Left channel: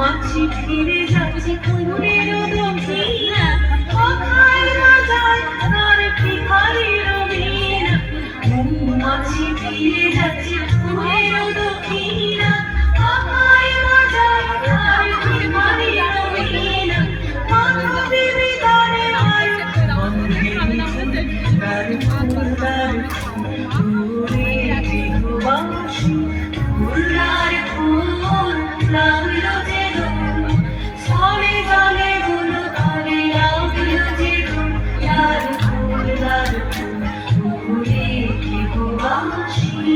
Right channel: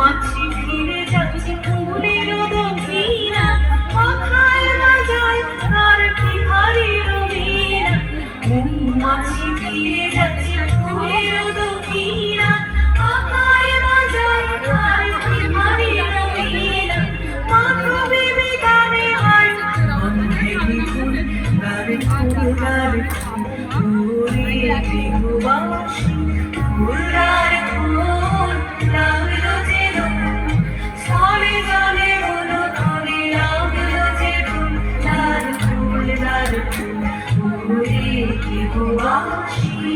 মাছি ফিরে যাচ্ছে ফুলের দক্ষিণা কোথায় না যায় তার ঠিকারি রবিনা মাছি ফিরে যাচ্ছে ফুলের দক্ষিণা কোথায় না যায় তার ঠিকারি রবিনা মাথা ভেবে গানে হয় গারে ফুলদার ফুলে জীববাসী ফুলদার ফুল লাগলো যেন ছলে জলে গুলো ধরে লাগলো যেন লাল ফুল ফুলে জীববাসী